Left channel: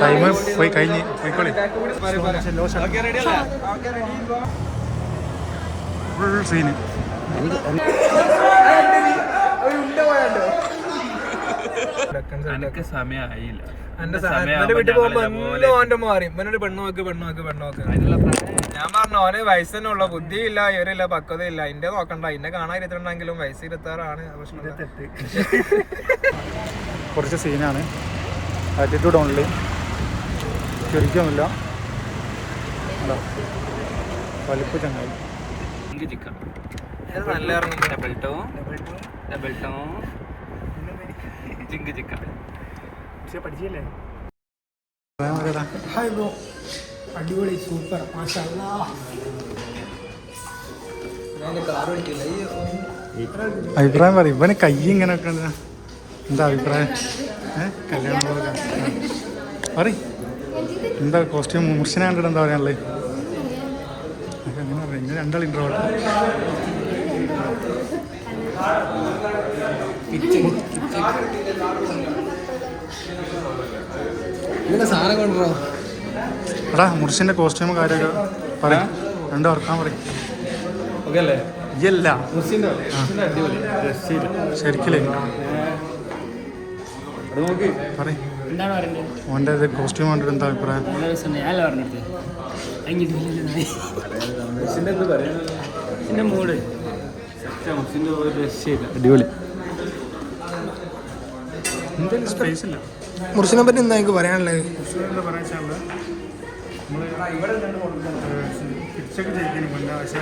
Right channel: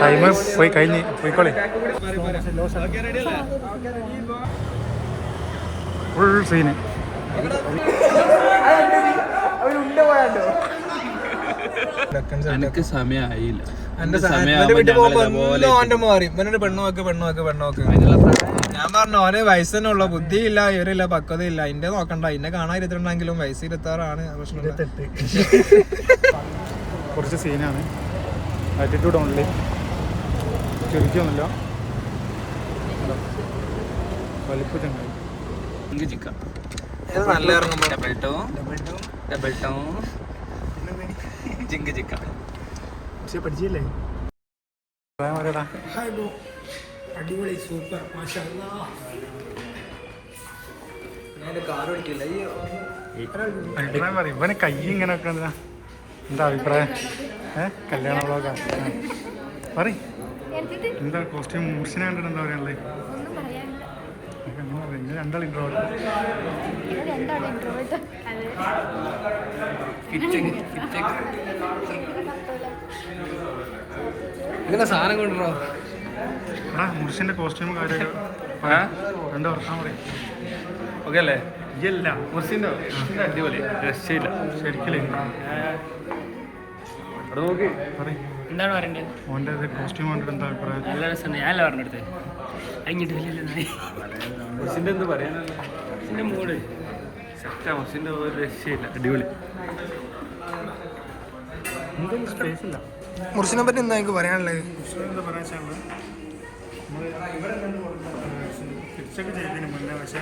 Time പോയി കഴിഞ്ഞ് പോയിക്കോളെ. Full scene എനിക്ക് സമയമായില്ല എന്റെ വീട്ടിൽ പോകുമ്പോ ഓന്റെ മാറി. ഇവനൊരു പെണ്ണു നോക്ക് പെണ്ണു നോക്ക് പെണ്ണു ഞാൻ പറഞ്ഞു ഓനെ വയസ്സ് തന്നെ ഉള്ള. ബുദ്ധിയില്ല ഇവരില്ല പക്വതയില്ല. എന്റെ നോക്കണ്ട. എന്നെ കാണാൻ ഇരുത്തിട്ടുണ്ടെങ്കിലും വയസ്സ് ഇരുത്താറാണ്. കുറച്ച് സീനാണ് ആറ്റിറ്റ്യൂഡ് ഓൺലി ചുരുക്കൊന്നുമില്ല എന്താ വലിപ്പ് ചങ്ങായി. നല്ല ഡബിൾ ടു ഡബിൾ ടു ജിങ്ക് ചിക്ക പക്ഷേ പഠിച്ചില്ലേ? അടിപൊളി സൂപ്പർ അഭിപ്രായം പറയും. ഇവന് കൈ ഇങ്ങനെ ഒക്കെ എന്താ അഭിപ്രായം? ഏ? കല്യാണ പറയും. പറ എന്താ കോസ്റ്റ്യൂം മുർഷിനെ കണ്ടിട്ട് എന്താ പറയാനുള്ളത് അങ്ങനെ പറയാം. ഇങ്ങനെ രണ്ടാൾ ഇൻട്രോട്ട് സാധനം കൊണ്ടുവരോ? എടാ മുർഷിന്റെ കോസ്റ്റ്യൂം കാര്യമൊക്കെ പറയാ രണ്ട് ഓർക്കാൻ പറയും. ഓക്കെ അല്ലേ? ഇല്ല മുർഷിന്റെ അടിപൊളി. രക്ഷയില്ല. ശരിക്കില്ലേ? പറയും. എന്താണ് പറയേണ്ടത്? ഓന്റെ ഇത് കോസ്റ്റ്യൂം കണ്ടിട്ട് എന്താ അഭിപ്രായം? നല്ല രസം ഞാനല്ല പറഞ്ഞെടുത്ത് അങ്ങോട്ട് മൂഡ്. ഒരു രക്ഷയില്ല. അടിപൊളി. എന്തെങ്കിലും സ്പേസ് ഇല്ല. മുർഷിനെ പറ്റി എന്താ എനിക്ക് പറയാനുള്ളത്? മുസ്ലിം എന്താ പറയുക വെച്ചാൽ നമ്മൾ ഫിക്സൊക്കെ ചെയ്തതിന് മുന്നേ പക്ഷേ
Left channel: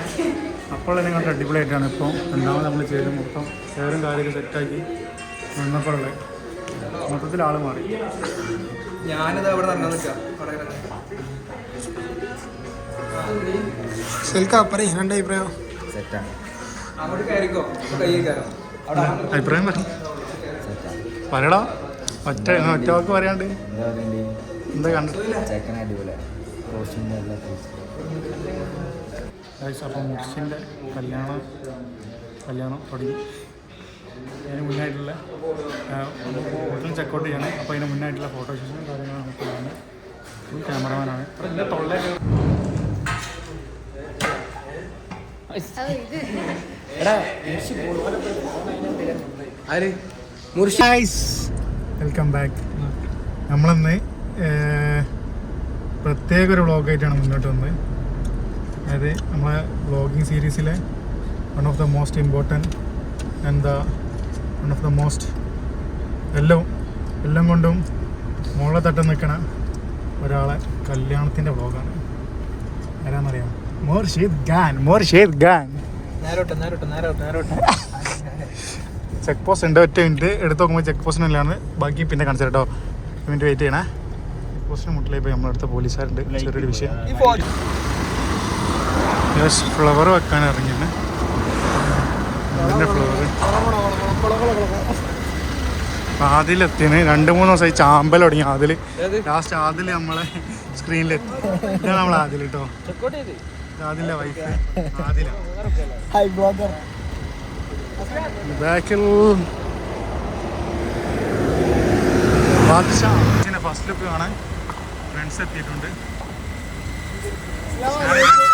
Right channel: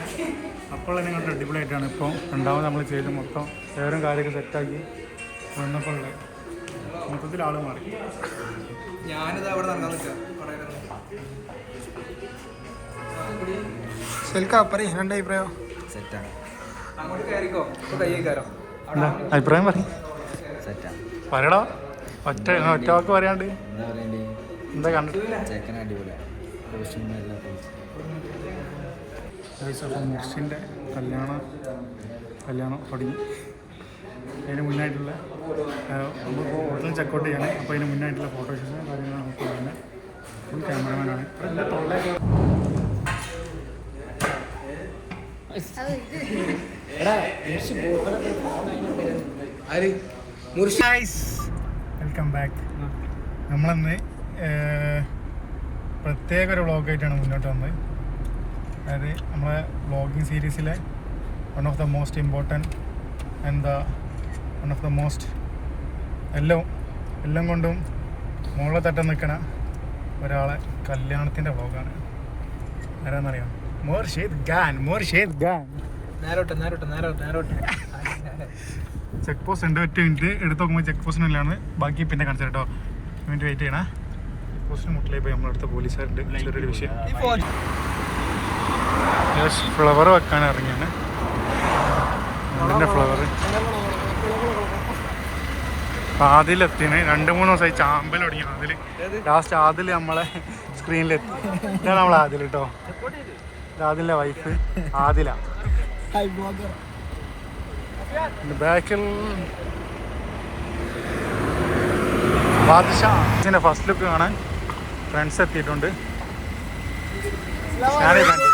അപ്പോൾ തന്നെ കണ്ട് അടിപൊളിയായിട്ടാണ്. ഇപ്പോൾ രണ്ടാമത് നമ്മൾ ചെയ്ത് മൊത്തം പേരും കാര്യങ്ങൾ സെറ്റാക്കി നിന്നപ്പോഴുള്ളത് മൊത്തത്തിൽ ആൾ മാറി. ഞാനിത് അവിടെ നടക്കാൻ നിൽക്കാം. സെൽക്ക പറയും രണ്ട് അഭിപ്രായം. സെറ്റാണ്. അങ്ങോട്ട് കയറിക്കോ. കൈ കയറാം. അഭിപ്രായം പറ സെറ്റാണ്. പറയടാ ഒറ്റ ഒറ്റ വാക്ക് പറയാണ്ട്. എന്താ പറയണ്ടേ? എന്താ കണ്ടിട്ട് ചെക്കൻ അടിപൊളിയാണ് കോസ്റ്റ്യൂം എല്ലാം ഗൈസ് അപ്പോൾ മുർഷിന്റെ കല്യാണം കല്യാണം തുടങ്ങി. അതിന് മുന്നായിട്ടുള്ള നമുക്ക് ഹോട്ടലിൽ ചെക്കൗട്ട് ചെയ്യണേ. അപ്പോൾ അതിന് മുന്നായിട്ടുള്ള ഫോട്ടോ ഷൂസും കാര്യങ്ങളും നമുക്ക് വേണം ഫുൾ ക്യാമറമാനാണ് വെൽക്കം ബാക്ക് നമ്മളന്ന് പ്രത്യേക ഒരു വ്ളോഗായിട്ടാണ് മുന്നോട്ട് വന്നത്. അതായത് നമ്മളെ വ്ളോഗിങ് സീരീസിലെ one of the most important എന്താ വൺ ഓഫ് ദ മോസ്റ്റ് എല്ലാം എല്ലാം കൊണ്ടും മോളെ തട്ടം നിൽക്കണ ഒരാളെ കല്യാണത്തിന്റെ വ്ളോഗാണ് ആരാന്നറിയാം മോർഷീദ് ഖാൻ മോർഷീദ് ഖാൻ. ചെക്ക് പോസ്റ്റ് ഉണ്ട് ഒറ്റ മിനിറ്റ് എടുത്ത് നോക്കുമ്പോൾ ചെക്ക് പോസ്റ്റിനല്ലാണ് ബാക്കി പിന്നെ കാണിച്ചു കേട്ടോ മിനിറ്റ് വെയിറ്റ് ചെയ്യണേ. ചെക്ക് പോസ്റ്റിന് മുട്ടിലായി പോയി നമ്മളടുത്ത പോലീസുകാരുണ്ട്. ചെറിയൊരു വിഷയം. ഫ്ലവർ വെക്കാൻ ഇറങ്ങിയാണ്. അതിന്റെ ഫ്ലവർ ആദിലെത്തിന്. രണ്ട് മൂന്ന് ദിവസമായി ചാമ്പൽ തുടങ്ങി ആദിൽ ലാസ്റ്റ് ആദിൽ നമ്മളെ സ്ക്രീനിലെത്തി ഇതാണ് നമ്മളെ ആദിൽ കേട്ടോ ആദിലിന്റെ വൈഫ് ആദില. ബാക്കിൽ ബാദ്ഷാ. ഫസ്റ്റ് ലുക്ക് കാണാൻ ഫ്രണ്ട്സ് എത്തിയിട്ടുണ്ട്. ഞാനേ കണ്ടു.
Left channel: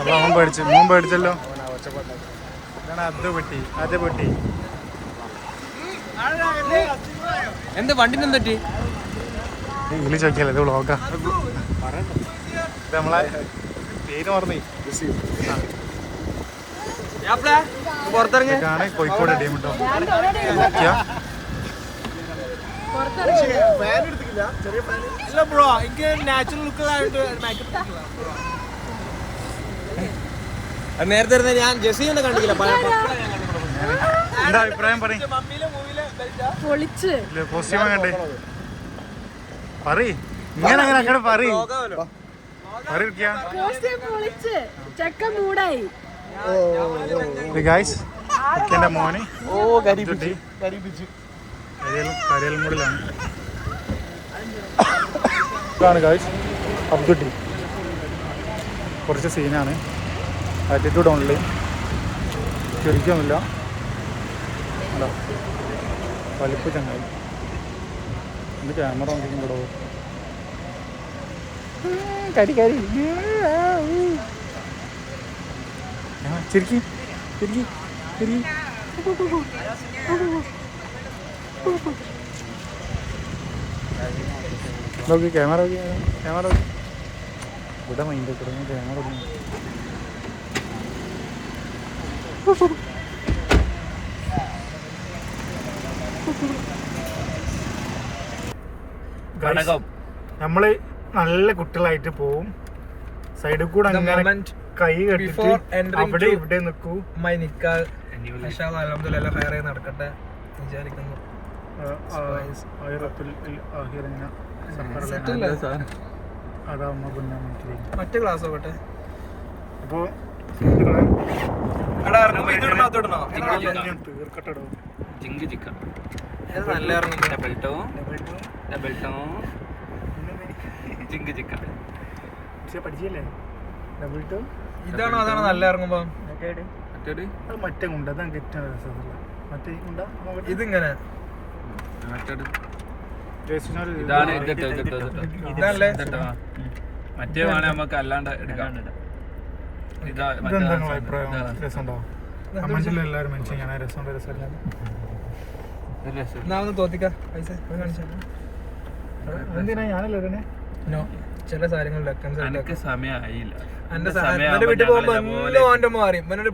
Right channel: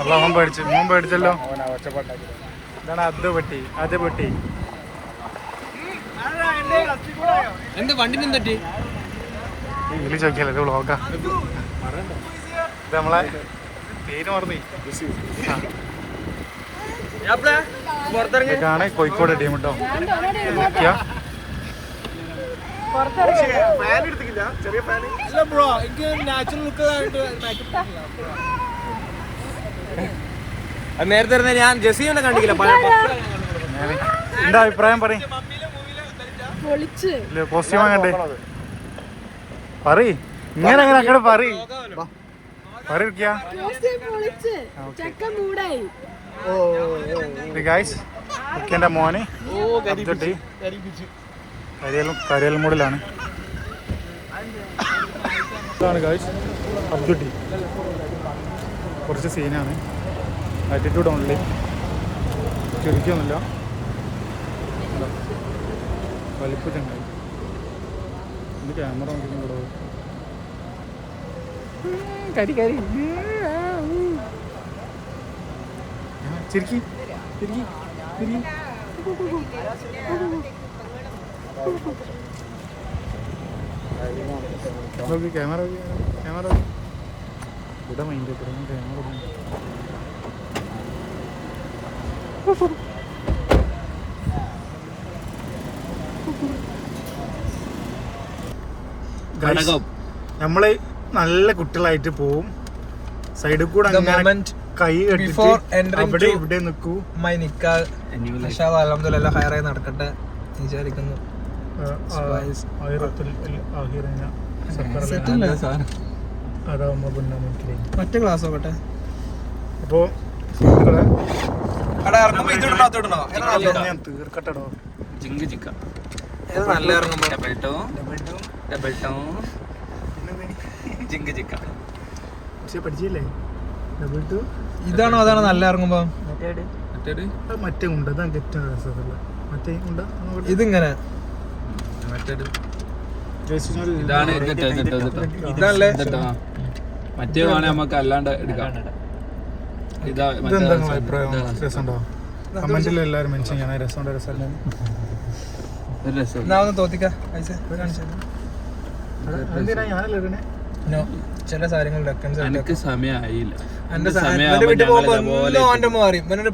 അപ്പൊ അവൻ പേടിച്ചു മോൻ പേടിച്ചല്ലോ? ഇതാണ് അത് പെട്ടി അത് പെട്ടി. എന്ത് വണ്ടിന് എന്തൊറ്റി ഇതിൽ ചോദിക്കല്ലേ ഇത് വ്ളോഗാ ഇത് നമ്മളെ പേര് മറന്നു. ഇതൊക്കെയാണ് കോഴിക്കോട് ടീം കേട്ടോ നോക്കിയാ? ബ്രോ എനിക്ക് നാച്ചുറൽ ലുക്ക് ആയിട്ട് മേക്കപ്പ് നേരത്തെ ഇരുന്ന ഞാൻ ജെസ്സി ഒന്നും കണ്ടില്ല ഞാൻ എന്താ അഭിപ്രായം പറയും? പൊളിച്ച്. കോസ്റ്റ്യൂം കണ്ടേ പറ ഇങ്ങനെ അങ്ങനെ അങ്ങോട്ട് പറയ്. പറയിക്കാ കോസ്റ്റ്യൂം പൊളിച്ച്. ചക്ക മൂടായി. ഗായ്സ് എന്റെ മോന്. കരിയൽ മൂടിലാണ്. ഗായ്സ് അബ്ദുട്ടി. കുറച്ച് സീനാണ് ആറ്റിറ്റ്യൂഡ് ഓൺലി ചുരുക്കൊന്നുമില്ല ഉണ്ടോ വലിപ്പ് ചങ്ങായി. എന്ത് ക്യാമറ നോക്കിക്കൂടോ കരി കരി. ചിരിക്കി ചിരിക്കി ചിരിക്കി. ക്യാമറ ക്യാമറ ഇവിടെ മൈൻഡ് കൂടെ ക്യാമറ നമ്മൾ നല്ല കുട്ടികളായിട്ട് പോവും. സൈഡിൽ കൂടെ അങ്ങനെ കൈ കെട്ടിട്ട് അവിടെ ഇവിടെ നിൽക്കൂ. മൈ നിക്കാൽ ആയി നടക്കട്ടെ വിചാരിക്കുന്നു. മറ്റേ ക്ലാസ് നോക്കട്ടെ അപ്പോ ജിങ്ക് ഇത് നല്ല ഡബിൾ ടു ഡബിൾ ടു ജിങ്ക് ജിക്ക. പക്ഷെ പഠിച്ചില്ലേ? ഡബിൾ ടു ഇതാണോ അതാണോ നല്ല ഇറങ്ങുമ്പോ? മറ്റേ ഉണ്ട് അതാണ് ഏറ്റവും രസമുള്ള മറ്റേ ഉണ്ട നോക്കട്ടെ. ഇതിങ്ങനെ. മറ്റേത്? ഇതാണ് മറ്റേ വേണേ നമുക്ക് അല്ലാണ്ട് എടുക്കാം. ഇതെന്താ നിങ്ങളെ അഭിപ്രായം? രസമുണ്ടോ? കമന്റിൽ എല്ലാവരും മെൻഷൻ ചെയ്യണം. രസമുണ്ടോ? രസമല്ല. തോത്തിക്ക എന്തിനാ ഞാനല്ലേ ഇടണേ? No. ചില എനിക്ക് സമയമായില്ല. എന്റെ മാറി ഇവനൊരു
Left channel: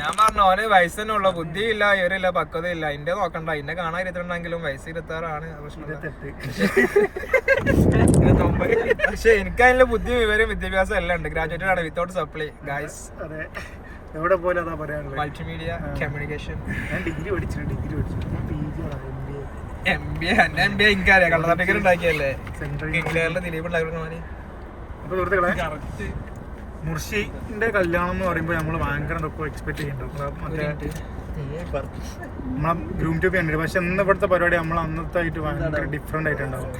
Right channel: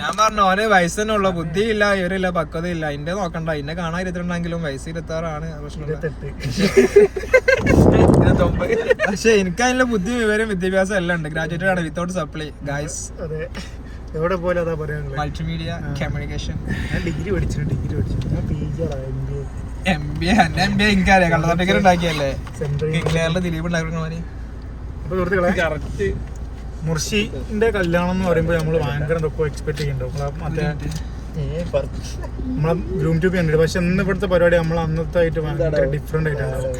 ഞാൻ പറഞ്ഞു ഓനെ ബുദ്ധിയില്ല ഇവരില്ല പക്വതയില്ല. എന്റെ നോക്കണ്ട എന്നെ കാണാൻ ഇരുത്തിട്ടുണ്ടെങ്കിലും വയസ്സ് പ്രശ്നം. പക്ഷെ എനിക്ക് അതിനുള്ള ബുദ്ധി വിവരം വിദ്യാഭ്യാസം എല്ലാം ഉണ്ട്. ഗ്രാജുവേറ്റഡ് ആണ് വിത്തൗട്ട് സപ്ലൈ ഗായ്സ് അതെ. എവിടെ പോലെ അതാ പറയാനുള്ളത്. മൾട്ടിമീഡിയ കമ്മ്യൂണിക്കേഷൻ ഞാൻ ഡിഗ്രി പഠിച്ചിട്ടുണ്ട് ഡിഗ്രി പഠിച്ചിട്ടുണ്ട് ഞാൻ P G M B A M B A എന്റെ എം ബി എ എനിക്കറിയാം. കള്ള സർട്ടിഫിക്കറ്റ് ഉണ്ടാക്കിയല്ലേ? സെൻട്രൽ കേരള ദിലീപ് ഉണ്ടാക്കുന്ന പോലെ അപ്പൊ സുഹൃത്തുക്കളെ മുർഷിന്റെ കല്യാണം എന്ന് പറയുമ്പോൾ നമ്മൾ ഭയങ്കര എന്തൊക്കെ എക്സ്പെക്ട് ചെയ്യുന്നുണ്ട്. മറ്റേ നമ്മളെ ഗ്രൂം ട്യൂബ് കണ്ടിട്ട് പക്ഷെ ഇന്ന് ഇവിടുത്തെ പരിപാടി നമ്മൾ അന്നത്തെ ആയിട്ട് ഭയങ്കര ഡിഫറെന്റ് ആയിട്ടുണ്ടാവും.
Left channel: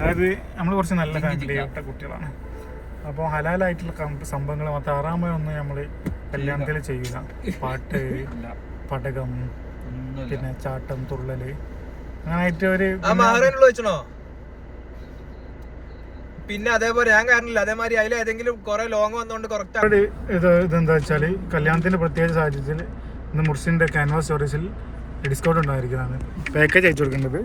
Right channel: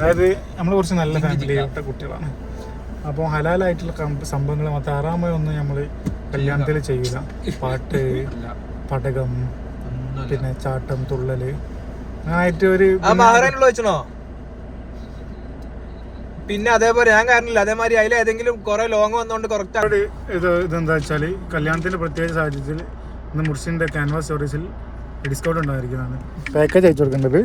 അതായത് നമ്മൾ കുറച്ച് നല്ല ഫാമിലി തൊട്ട കുട്ടികളാണ്. അപ്പോൾ ഹലാലായിട്ടുള്ള സംഭവങ്ങൾ മാത്രം. ആറാമോ ഒന്നും നമ്മൾ കല്യാണത്തിൽ ചെയ്യൂല. പാട്ട് പടകം പിന്നെ ചാട്ടം തുള്ളൽ. അങ്ങനായിട്ട് ഒരു വെച്ചണോ പിന്നെ അതേപോലെ ഞാൻ കാരണമില്ല അതേമാതിരി അതിൽ ഏതെങ്കിലും കുറെ ലോങ് വന്നുകൊണ്ട് കുറച്ച് ഇത് ഇതെന്താ വെച്ചാൽ കല്യാണത്തിന്റെ പ്രത്യേക സാഹചര്യത്തിൽ ഇന്ന് മുർഷിന്റെ ക്യാൻവാസ് സ്റ്റോറീസിൽ ഡിസ്കൗണ്ട് ഉണ്ടായിരിക്കുന്നതാണ്. പാക്കേജ് അയച്ചു കൊടുക്കേണ്ടത്.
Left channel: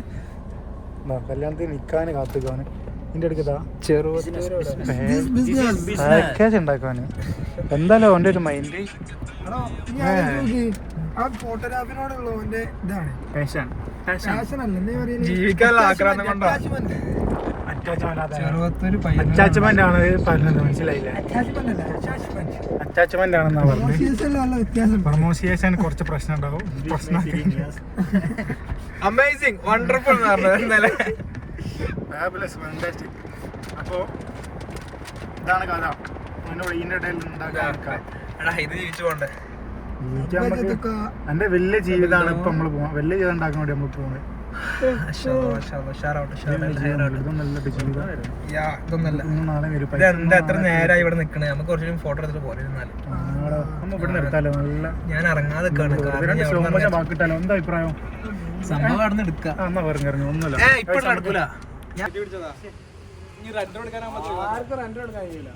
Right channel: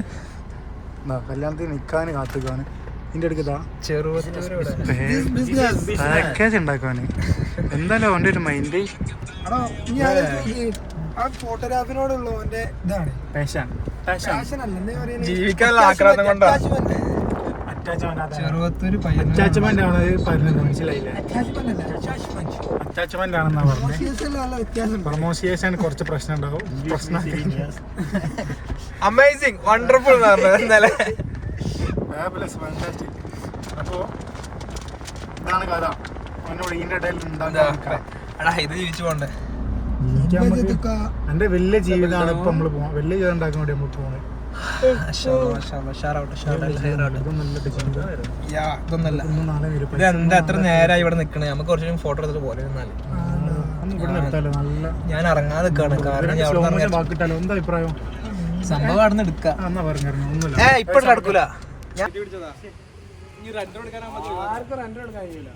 എന്താ കല്യാണത്തിന് നിൽക്കാൻ കാത്തുക്കാണ് ഇതിന്റെ അടുക്കതാ പാക്കേജ് ഉണ്ടാക്കുവാന്. എന്തായാലും അവന്റെ ഒരു മൈൻഡ് ഫോട്ടോഗ്രാഫിനോടുള്ള ഇതാണ്. പാഷൻ ഫാഷൻ ആക്രാന്തം കൊണ്ടാണ് അറ്റാച്ച്മെന്റ് ആണ് പറഞ്ഞത് മനസ്സിലായില്ലേ? അറ്റാച്ച്മെന്റ്. ആണെന്നാ പറഞ്ഞത്. പ്രൊമോസിയേഷൻ കുറച്ച് പ്രശ്നം ഉണ്ടാവും പ്രശ്നം അമേസിങ് വണ്ടർഫുൾ ഇന്നലെ. ഫാബുലസ് ഫാന്റാസ്റ്റിക് അപ്പോ ഇതാണ് കഥ. ഇടയിൽ ഉണ്ടാക്കാൻ എന്റെ വലിയ ജീവിതമാണ് ഇപ്പൊ നമ്മൾ പോകുന്നത് വലിയ ജീവിതം ഉണ്ടാക്കാൻ വേണ്ടി നമ്മൾ പോണത്. എത്ര നേരമായി ഇവിടെ നിക്കണേ? നമുക്ക് കുറച്ചും ഫോട്ടോ എടുത്തിട്ട് പോലെ ഞാൻ ഇറങ്ങാതെ നിൽക്കാണ് കാരണം സ്ലോ അവിടുന്ന് ബാക്കിട്ടാലോ? എന്താ അഭിപ്രായം? സംഭവം അവിടെ നിന്ന് എടുക്കാം. ഇപ്പൊ നടക്കൂല. ആർക്കും റെന്റ് കൊടുക്കാൻ കഴിയില്ല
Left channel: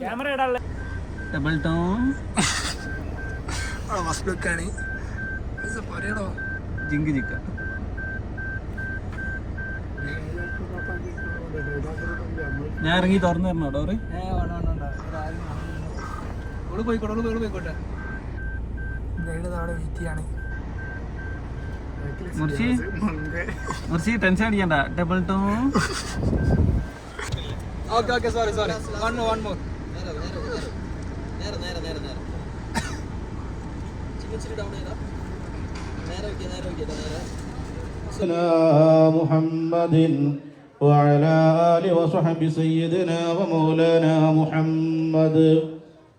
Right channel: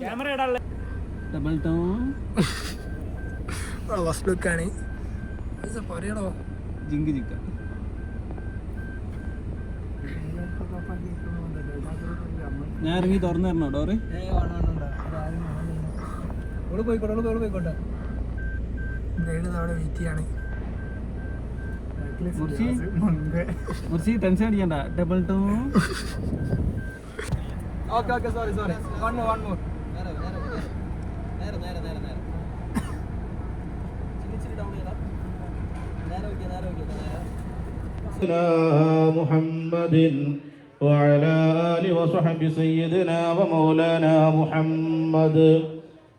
ക്യാമറ ഇടാനുള്ള ഡബിൾ ടോൺ ഫസ്റ്റ് ലുക്കാണ് പറയണോ? ജിങ്ക് ജിക്ക ഞാൻ ഇറങ്ങി തുറന്നു തരണോ ഡോറ്? ഓൾ പോയിക്കോട്ടെ ഓൾ ഓൾ പോയിക്കോട്ടെ. ഗൈഡ് അവിടെ വെയിറ്റ് ചെയ്യാണ്. ടെൻഷൻ അടിക്കണ്ട. Double two okay okay sorry sorry one more one more محمد وعلى آل وصحب سيدنا ومولانا محمد.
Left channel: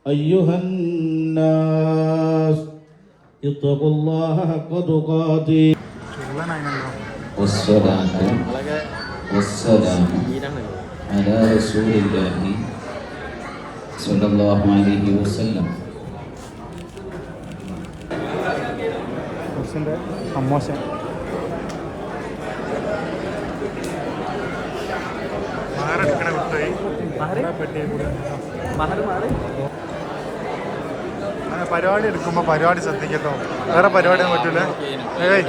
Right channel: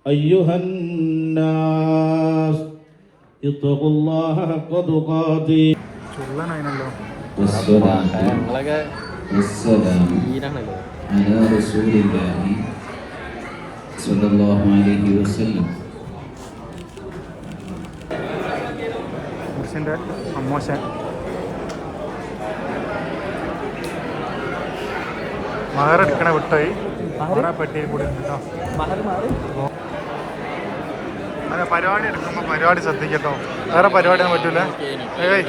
أيها الناس اتقوا الله حق تقاته. والصلاة والسلام على رسول الله صلى الله عليه وسلم. മുർസിന്റെ അമ്മോശൻ. മാറെടുക്കണ വിട്ടായി. മാറാ പറ്റിയ കൂടി അങ്ങനെ പരിപാടി എടുക്കുമ്പോൾ പരിപാടി ശ്രദ്ധിക്കട്ടോ. വേറെ പരിപാടി ഒന്നും പറ്റൂലേ. ഏയ്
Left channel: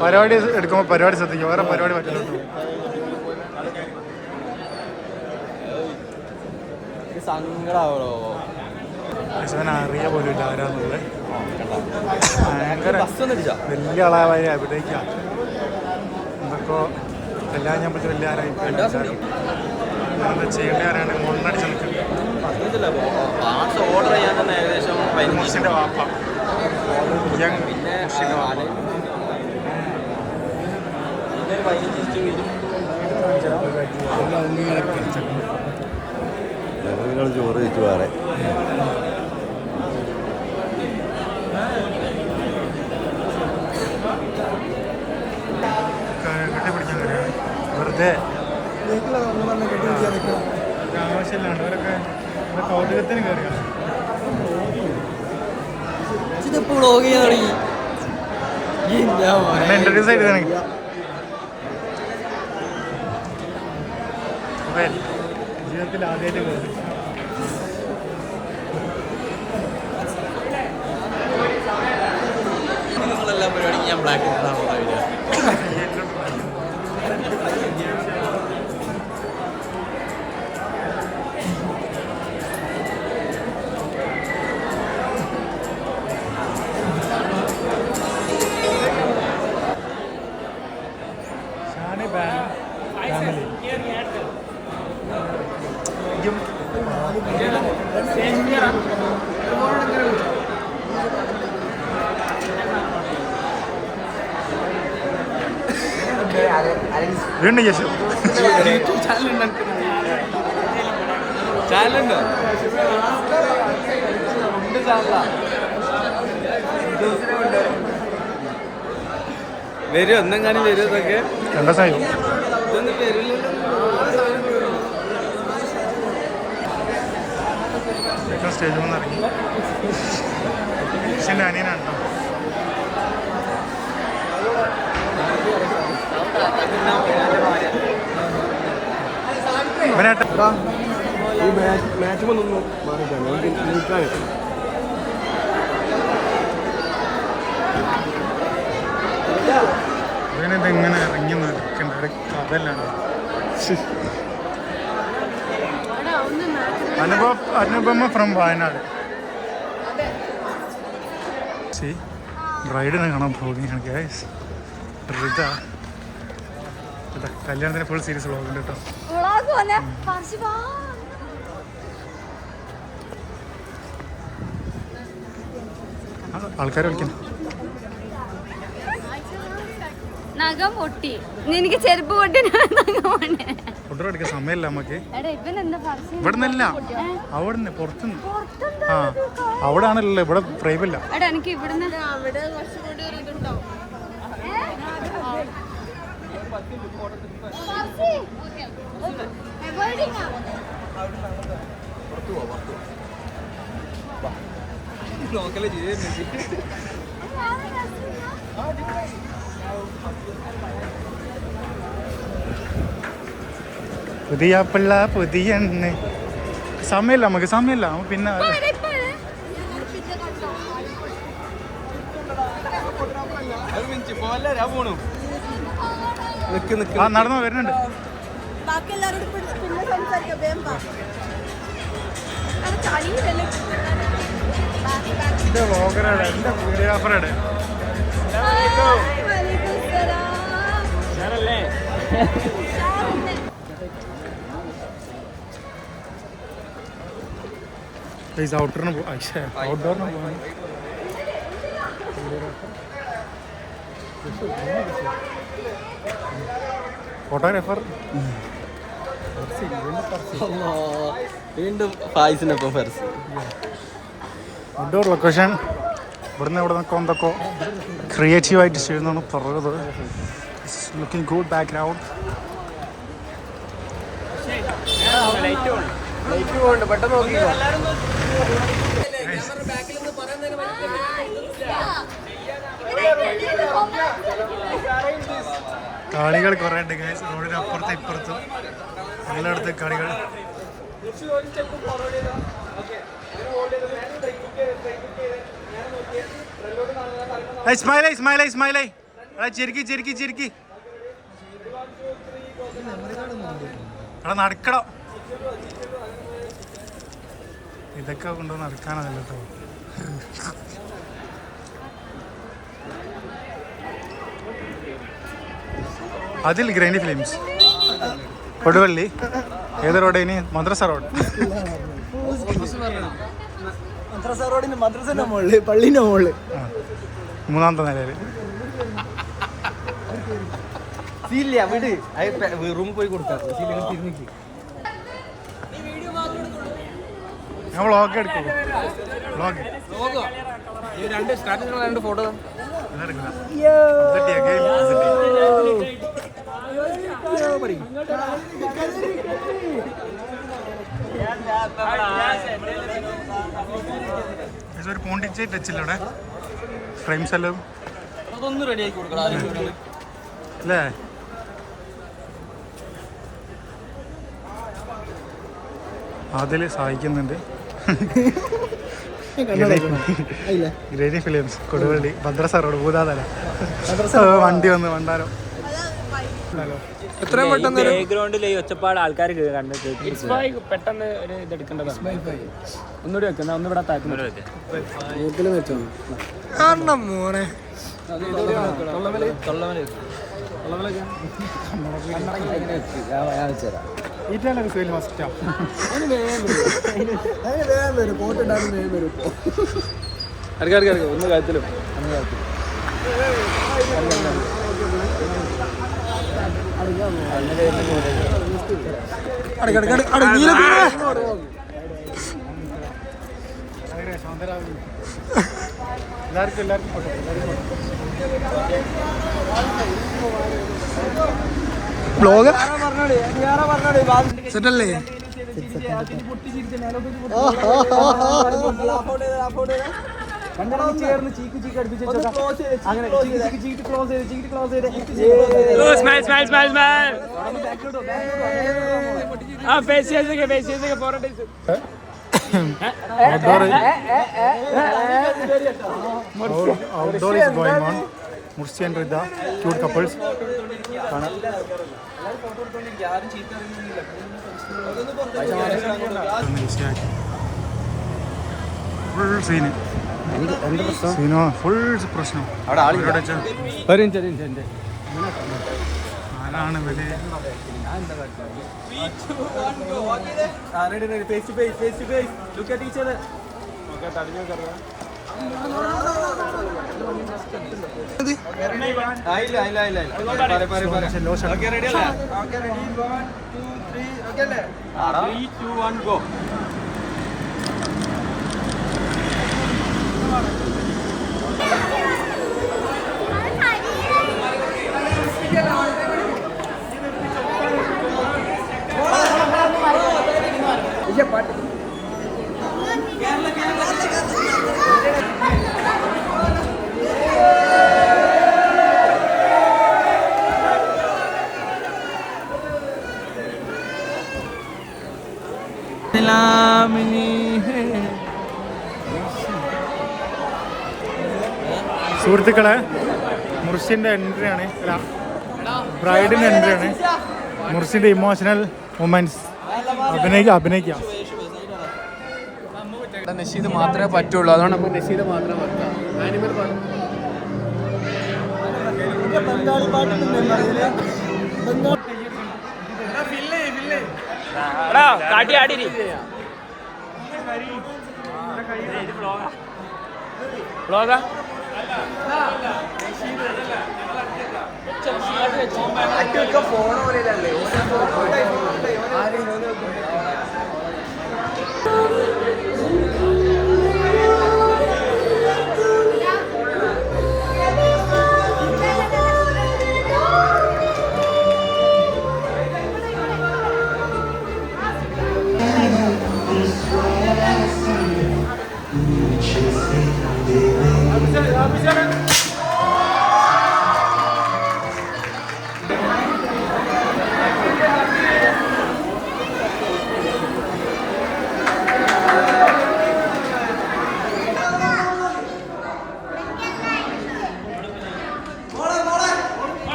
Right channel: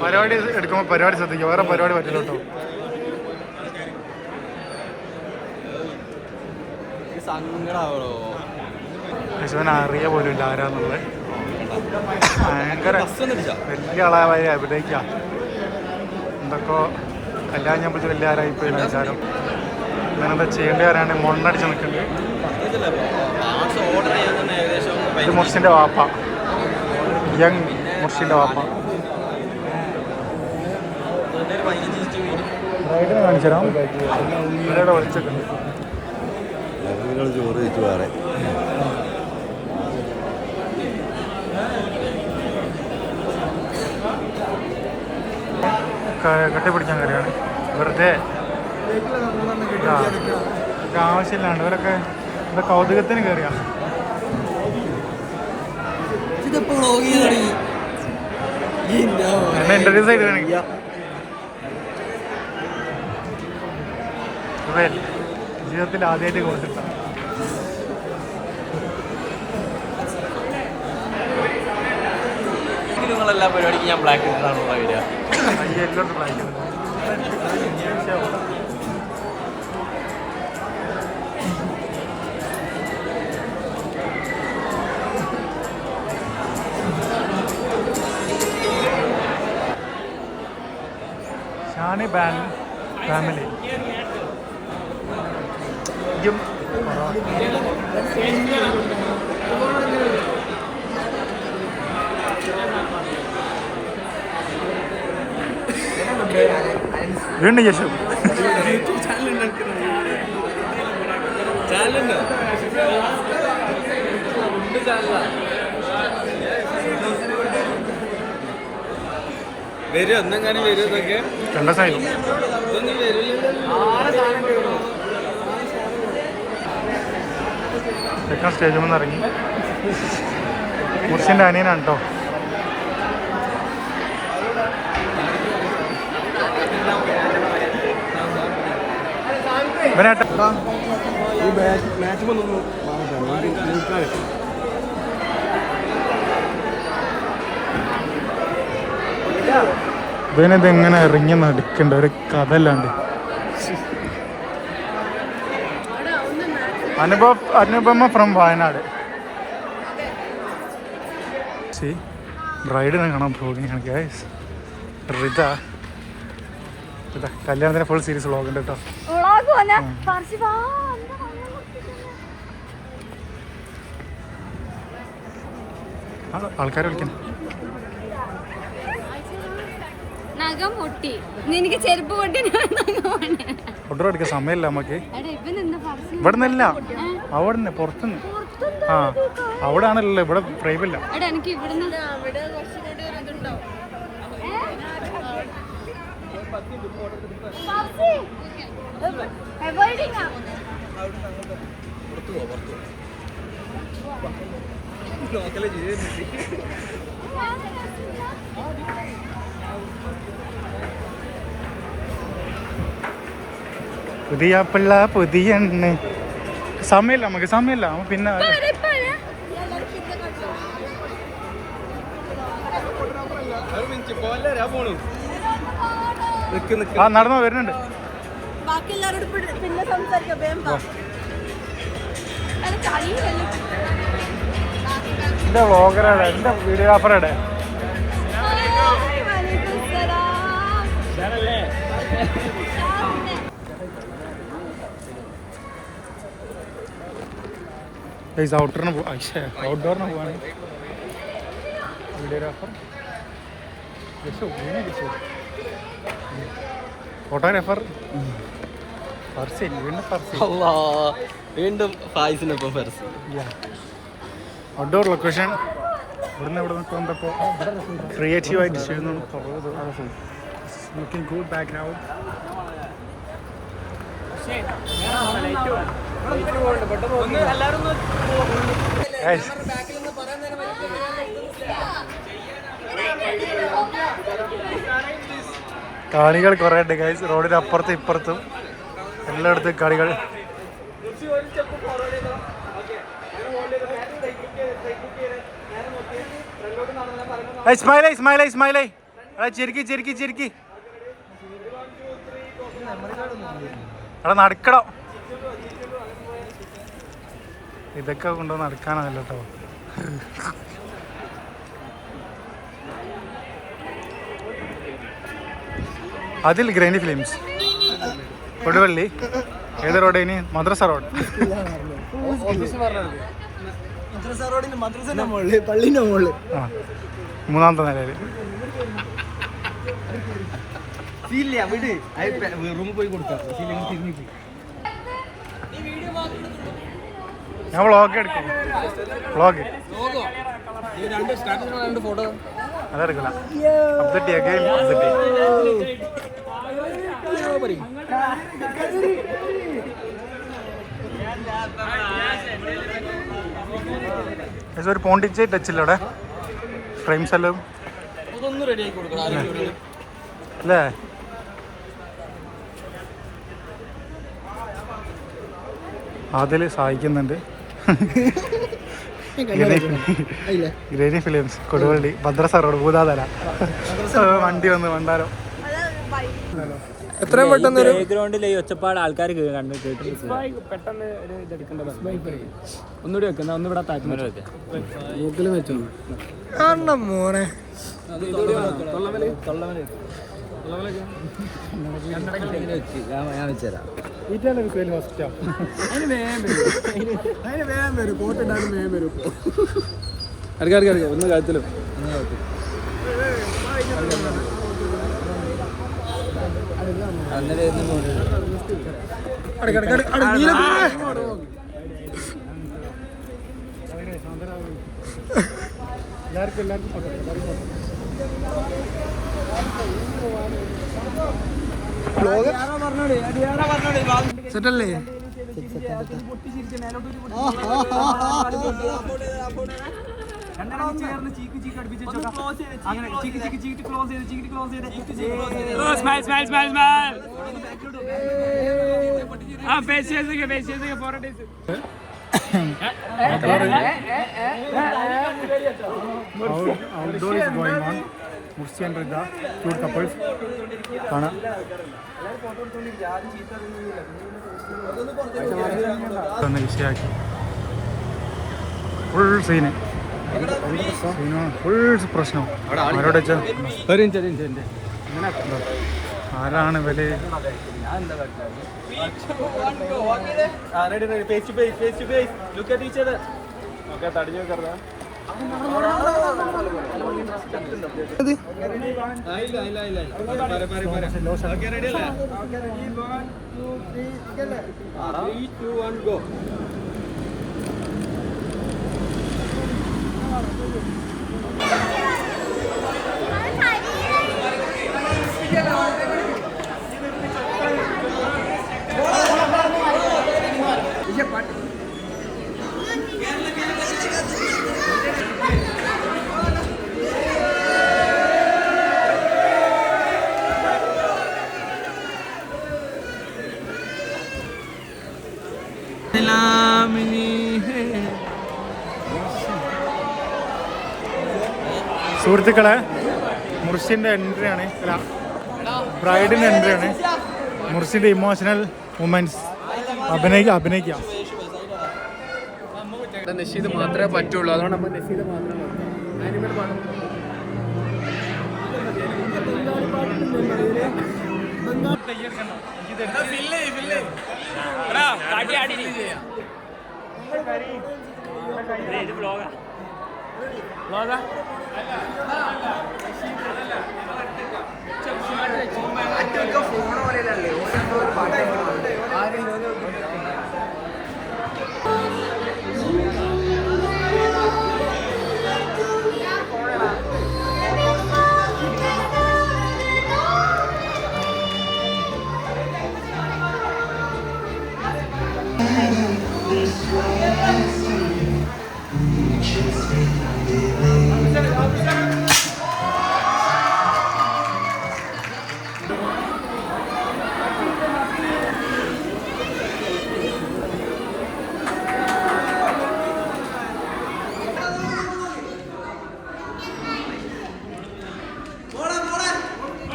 പരിപാടി എടുക്കുമ്പോൾ പരിപാടി ശ്രദ്ധിക്കും. വേറെ പരിപാടി പറ്റില്ല കേട്ടോ. അറിയ പോലും ഇല്ല ആരാന്നുള്ളത്. ഭയങ്കര വലിയ ആളായ അഭിനയിക്കുക എന്തൊക്കെ കല്യാണം ഞാൻ പറ്റി വലിയ ആരായിപ്പോയില്ല വിചാരം. ഇവനെന്താ ചെയ്യേണ്ട ആരാണ്? മൊണ്ണടിച്ച് നിൽക്കുന്നത് ഇത് മുർഷിന്റെ വാപ്പ. യങ് മുർഷിന്റെ വാപ്പ. ചോറ് വെച്ച് വേറെ. കെട്ടിപ്പിടിക്കാൻ കയറിയാണ്. വെറുതെ. ആവശ്യമില്ലാണ്ട് ഇവരൊക്കെ ഇത് കൗതുകത്തിന് കയറിയാണ് എന്നെ ഇൻട്രൊഡ്യൂസ് ചെയ്ത് എനിക്ക് ഇവൻ. ജീവിതത്തിൽ ആദ്യമായിട്ട് കൊടുത്തിട്ട എല്ലാം ബ്ലാക്ക് ഷാനി ബാൻ ഫാമിലി. ഇതും വീണ്ടും చేసావు വരും ഒന്നും കാണി വരും ഇതൊക്കെ. സായോ ഇതൊന്നും സ്റ്റേജിൽ നിന്ന് ഇറങ്ങി മുർഷിന്റെ അനിയനാണ് കേട്ടോ ഇവനേട്ടാ ഈ മാച്ച് വന്നു നിൽക്കാൻ ഇവനത് എങ്ങനെ ഇറങ്ങി നടക്കണ്ട? ഒരു കഥല്ലാണ്ട് അനുഭവ അനുപമ ഫ്രം വയനാട്. സി ബ്രൈഡിനെ കാണാൻ പോകുകയാണ് ഗൈസ് റിത. കല്യാണത്തിന് ഫുൾ സീരീസ് വ്ളോഗ് ഉണ്ട് കേട്ടോ. വന്നെ കാർഷിക ആൾക്കാർ നഖം പൊട്ടി. എനിക്ക് ചെരുപ്പ് പൊട്ടി എടുക്കാൻ സമയമില്ല നമുക്ക് ഇവിടെ നിന്നല്ല അവിടെ നിന്ന് പുറത്തുനിന്ന് ആ അവിടെ ആണല്ലോ ഇവിടെ ഫ്രെയിമില്ല എടാ എനിക്ക് ഇവിടുന്ന് പുതിയ പിള്ള പുതിയ സമയമില്ല നമുക്ക് സമയമില്ല. പിന്നെ ആ നടന്നോ വരുന്നുണ്ട്. ബാക്കി എല്ലാവരോടും പിന്നെ സംസാരിക്കാം എന്റെ വ്ളോഗറാണ് എന്റെ വീഡിയോഗ്രാഫറാണ് ഔട്ടറിന് ഔട്ട്ഡോറിന് പോവാണ്. വീഡിയോഗ്രാഫർ ഫോട്ടോഗ്രാഫർ ഫർസി വീണ്ടും ഫർസി വീണ്ടും ഫായിസിനൊപ്പം ഫെർസ് ഔട്ട്ഡോർ ലൊക്കേഷൻ ഇവിടുന്ന് ഇവിടെ നിന്നൊക്കെ എന്തൊക്കെ ക്രിയേറ്റീവായിട്ട് ചെയ്യുന്നതാണ് പറഞ്ഞത്. ലുക്കിംഗ് ഗുഡ് ബാക്ക്ഗ്രൗണ്ട് കാണികൾ കുറേ ഉണ്ട് ഗൈസ് റോഡിന് അപ്പുറത്തും ഇപ്പുറത്തും. എല്ലായിടത്തും കളികൾ. ഇസ്മായിലേ ഇസ്മായിലേ ഇസ്മായിലേ എടാ ചിരിക്കി ചിരിക്കി ചിരിക്കി. എടാ നടക്കടോ. ഇതൊക്കെ കൊണ്ടു നടക്കാനല്ല കേട്ടോ അതിൽ ഗ്രൈനി ഫിലിംസ്. കൊടുവള്ളി. ഏത് ഇനി? മദ്രസ റോഡ്. പള്ളിന്റെ മുകളിൽ. മൂന്നാമത്തെ നിലയിൽ ഞാൻ വ്ളോഗ് എടുക്കും. വ്ളോഗ് രണ്ട് ഒരു പോണ്ടിച്ചേ ടച്ച് ഇല്ല അവിടെ? ഫ്രെയിംസ് എല്ലാം? അതൊന്ന് റെഡി ആക്കി കൊടുക്കണം അല്ലേ? അതിൽ സഹായിക്കുന്നുണ്ട്. ഗ്രേനി ഫിലിംസ് കൊടുവള്ളി ഭദ്രസ റോഡ് ഭൂതാതല വണ്ടി വന്ന് വണ്ടാരോ എത്രയും പെട്ടെന്ന് ഒരു ബാക്ക്ഗ്രൗണ്ടിൽ ഈ ഒച്ചപ്പാട് ആൾക്കാർ കണ്ട് പെട്ടെന്ന് ഒരു ഇതെടുക്കേണ്ടതാണ് ഒന്നുകൂടി വെക്കുന്ന ഒന്ന് ഇവിടെ മോനെ. ഒന്ന് കാത്തിലും എല്ലാവർക്കും എല്ലാവർക്കും ബ്ലോഗ്? സെറ്റല്ലേ? ചേർന്ന് ചീക്ക് ചീക്ക് അടുപ്പിച്ച് അങ്ങനെ ചീക്ക് ചീക്ക് ചീക്ക് ക്ലോസ് ചെയ്ത് ചീക്ക് ചെയ്ത്. outdoor is going on. ആണ്. ഫുൾ സീന് സീനോ ഫുൾ പ്രശ്നം. ആരോട് ആരാണ് വില ഓക്കേ തടിഞ്ഞു കറ സുഹൃത്തുക്കളെ മുർഷിന്റെ എൻട്രി ആണ്. അല്ല ബ്രൈഡിന്റെ എൻട്രി ആണ്. മുർഷിന്റെ ഇമോഷണൽ മൊമെന്റ്സ് അഭിനയിക്കുക അഭിനയിക്കാം. നഷീദ് മാത്രമേ പറ്റുള്ളൂ. അതുകൊണ്ട് ഇപ്പോൾ മാത്രമേ പറ്റൂ. ബംഗാളി പാട്ടൊന്നും ഫോൺ പോലെയല്ലേ ആരും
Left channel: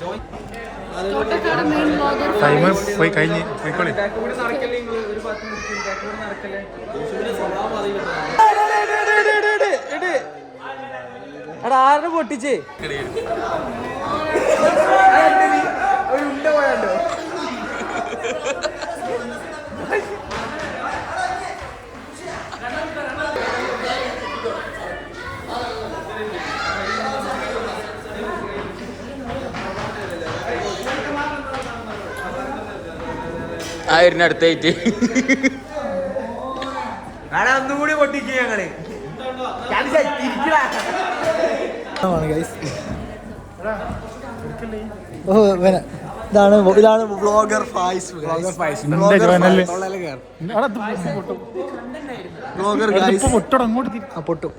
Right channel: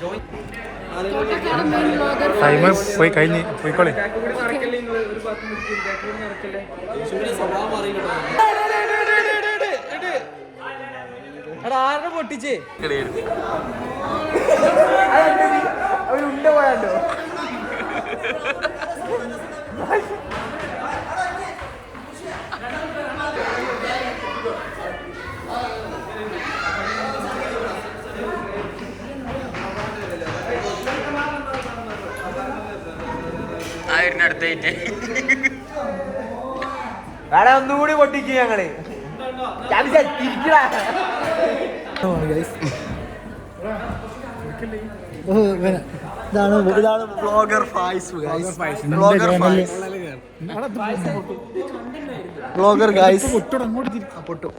ജോയിൻ ടൈം പോയി കഴിഞ്ഞ് പോയിക്കോളെ. നടക്കല്ലേ നിങ്ങൾ ഒരു ഭാഗത്ത് നിൽക്കും ബാക്ക് കൂടി നടക്കല്ലേ? എടാ ആരുടെ പൊട്ടിച്ച്? പോയാണ്ടോ അടുത്തായിട്ട്. വേറെ ഒന്നുകൂടി പൊട്ടിക്കുക ഞങ്ങൾ. ഇതാണ് ഇതാണ് ബ്ലോഗർ ഫായ്സ് ബ്ലോഗർ ഗൈസ് ആ പൊട്ടും.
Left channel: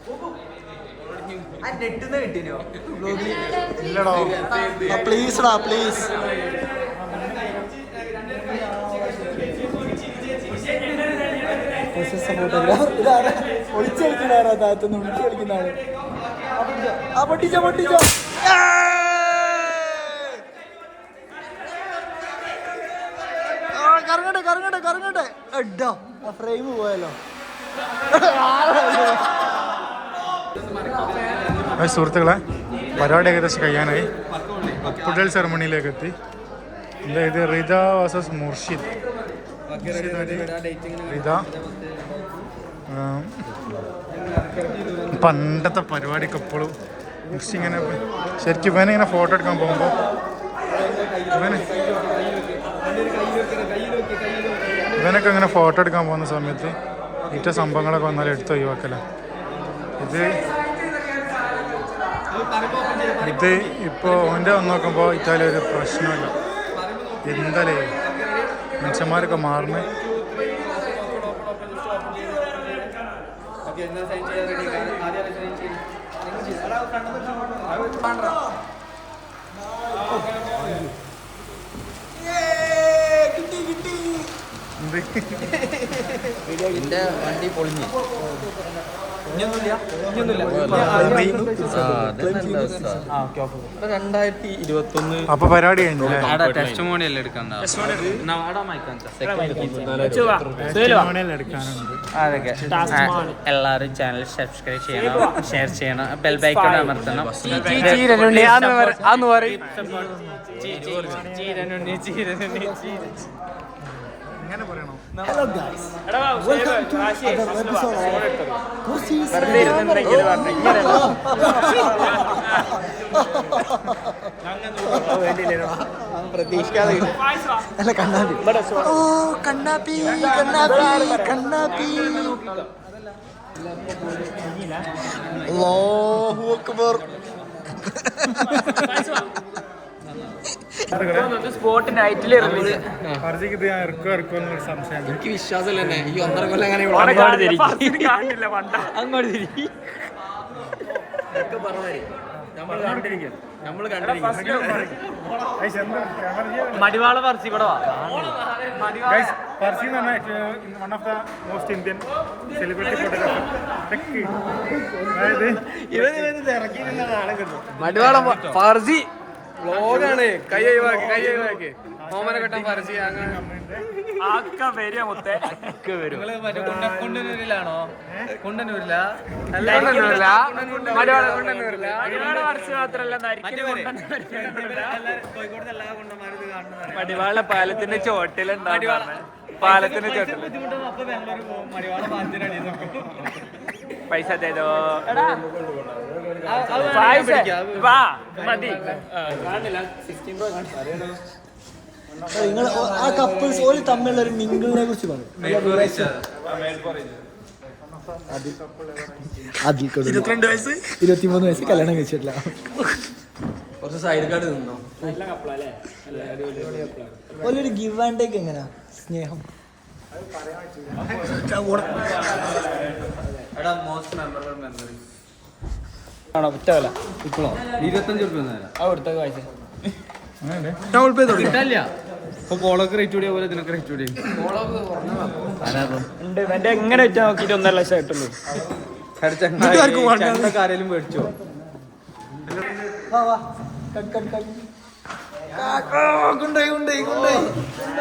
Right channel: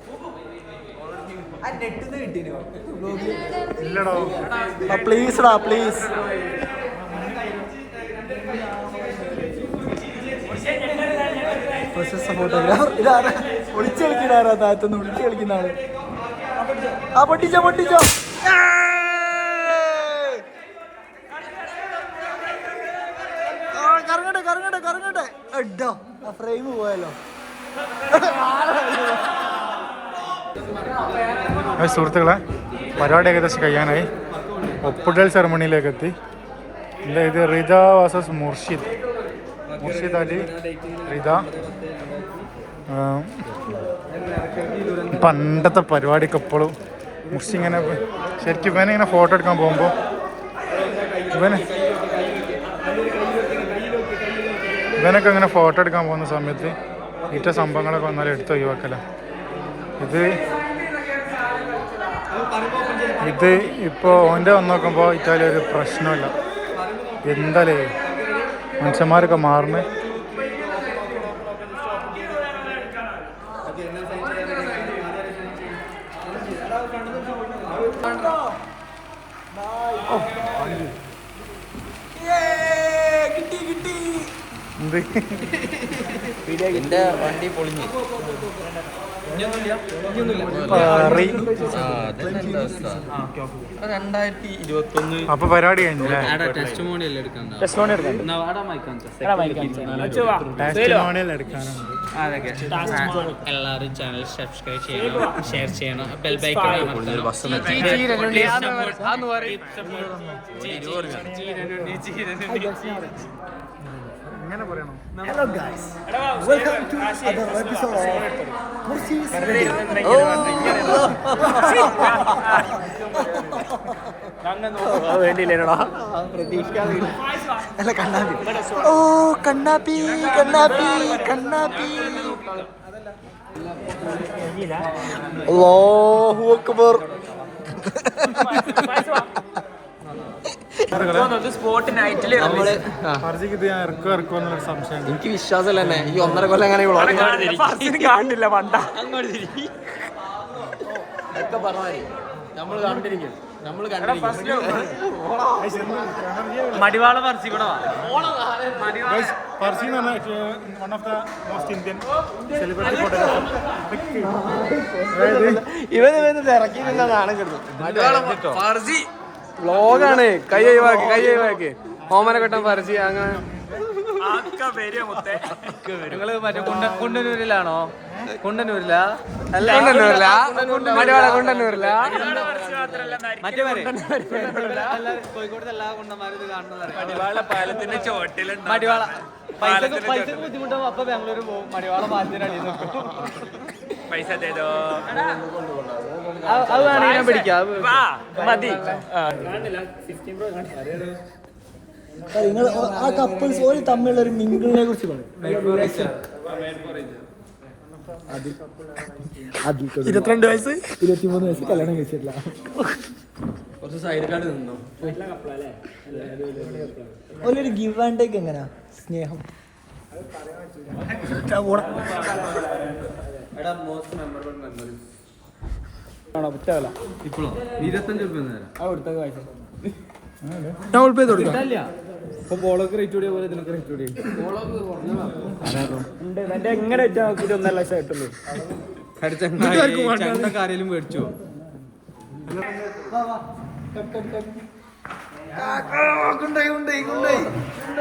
പ്ലീസ് ഡാ പ്ലീസ് ഫോട്ടോഗ്രാഫർ ഇതാണ് ഒളിച്ചു കളിക്കണാരാ താഴത്തുനിന്ന് വിളിച്ചു കളിക്കുന്ന ആൾ? ആ പൊട്ടിച്ചോ പൊട്ടിച്ചോ. കറങ്ങട്ടെ കറങ്ങട്ടെ കറങ്ങട്ടെ. എഡോ ആ ഫ്രെയിം പോയല്ലോ. സുഹൃത്തുക്കളെ പരിപാടി ഏകദേശം കഴിയാനായി. ഒപ്പിടൽ സെറമണിയിലേക്ക് എത്തി ഇത്? റിത വാസസ് മുർഷിദ്. മുർഷിദ് അലി റിത പണ്ടത്തെ പരിപാടിക്ക് എപ്പോഴും മുർഷി ഇങ്ങനെ ശരിക്കും ഇവനെ ഇങ്ങനെ ഫോട്ടോ എടുക്കാൻ പോകുമ്പോൾ ഇവന് ഇവനൊക്കെ ഇങ്ങനെ ഫോട്ടോ എടുക്കാൻ പോകുന്ന സമയത്ത് ഇറ്റ സംഭവങ്ങളൊക്കെ വന്നാൽ എടുത്ത് ഒഴിവാക്കല. ഇത് ഇത് ഇപ്പോൾ ഓന്റെ വന്ന് നോക്കുമ്പോൾ ഇറ്റാലി ഒരു പ്രശ്നമില്ല. എന്താലേ? മനുഷ്യന്മാരൊക്കെ മാറുന്നു. എന്റെ വണ്ടി പൊളിഞ്ഞു. അപ്പൊ പരിപാടി കഴിഞ്ഞില്ലേ ചാനൽ സബ്സ്ക്രൈബ് ചെയ്യണം ഷെയർ ചെയ്യണം ബെൽ ബൈക്കൺ അമർത്തണം ഇങ്ങനെ പറയണോ hello guys welcome to other episode of കുർസീസ് അല്ല കണ്ണാപ്പി ഓ കണ്ണാപ്പി കണ്ണാപ്പി കണ്ണാപ്പി. അല്ലാഹു അക്ബർ. സ്പോട്ട് നൈറ്റിൽ ഫർജിക്ക് ഇത് ഞാൻ ഇറക്കോ ഇറക്കോ എന്നൊരു സംശയം എനിക്ക് വിശ്വാസമല്ല തന്നെ ഈ ഒന്നര കൊല്ലം അങ്ങനെ കാണില്ല പണ്ട. ഒക്കെ പറഞ്ഞായി നമ്മൾ കണ്ടിരിക്കും. നമ്മൾ കണ്ടിരിക്കും. മടിവാള പറിച്ചു ഇവിടെ വാ. ഗൈസ് ഫർസി എന്ന് പറഞ്ഞാൽ one of the most Indian celebrity photographer അതായത് ഫർസി വ്ലോഗാണ് കൈ ഒഴിവാക്കി കൈ ഒഴിവാക്കി. ഓമന കെട്ടം ഫർസി അങ്ങനെ. നിങ്ങൾ മറ്റേ കുണ്ട- കുണ്ടന്നൂരിലാണോ? കുണ്ടന്നൂരില? കുണ്ടന്നൂരില. മടിവാള കുണ്ടന്നൂരില. കോഴിക്കോട് എല്ലാ കുണ്ടന്മാരും ഇത് കാണുന്നതാണ് പാലത്തിന്റെ ചോട്ടിലുണ്ടാവും പൈസ ബുദ്ധിമുട്ടാവും. അപ്പൊ ബാംഗ്ലൂർ പോകും മടിവാള പാലത്തിന്റെ പൈസ മതി നിങ്ങൾ ആ കപ്പിൾസ് ഓൾ തമ്മിലുള്ള ഒരു മിങ്കിളിനെ കുറിച്ച് പറയും ഇരുപത്തിരണ്ട് വയസ്സ് ഇരുപത്തിമൂന്ന് വയസ്സ് കല്യാണം കഴിച്ചിട്ടില്ല കുറച്ച് സൈഡ് കാർഡ് നിന്നോ ഒരു ഗിവ് ആൻഡ് ടേക്ക് എങ്ങനെയാ സ്നേഹം ഇപ്പോഴോ ഇരുപത്തഞ്ച് റുപ്യ തരാം ഡബിൾ പേ കൊടുക്കാം. കിട്ടില്ല ഇപ്പൊ കോളൊക്കെ റേറ്റ് കൂടിയ പോലെ ഇതിനൊക്കെ റേറ്റ് കൂടി എങ്ങനെ വെച്ചാൽ നോക്കിയിട്ട് ഒന്നര ലക്ഷം ആയിട്ടുള്ളൂ വേണ്ടത്. ആരെങ്കിലും മേടിച്ചോ. കൊണ്ടായി കൊണ്ടായി കൊണ്ടായി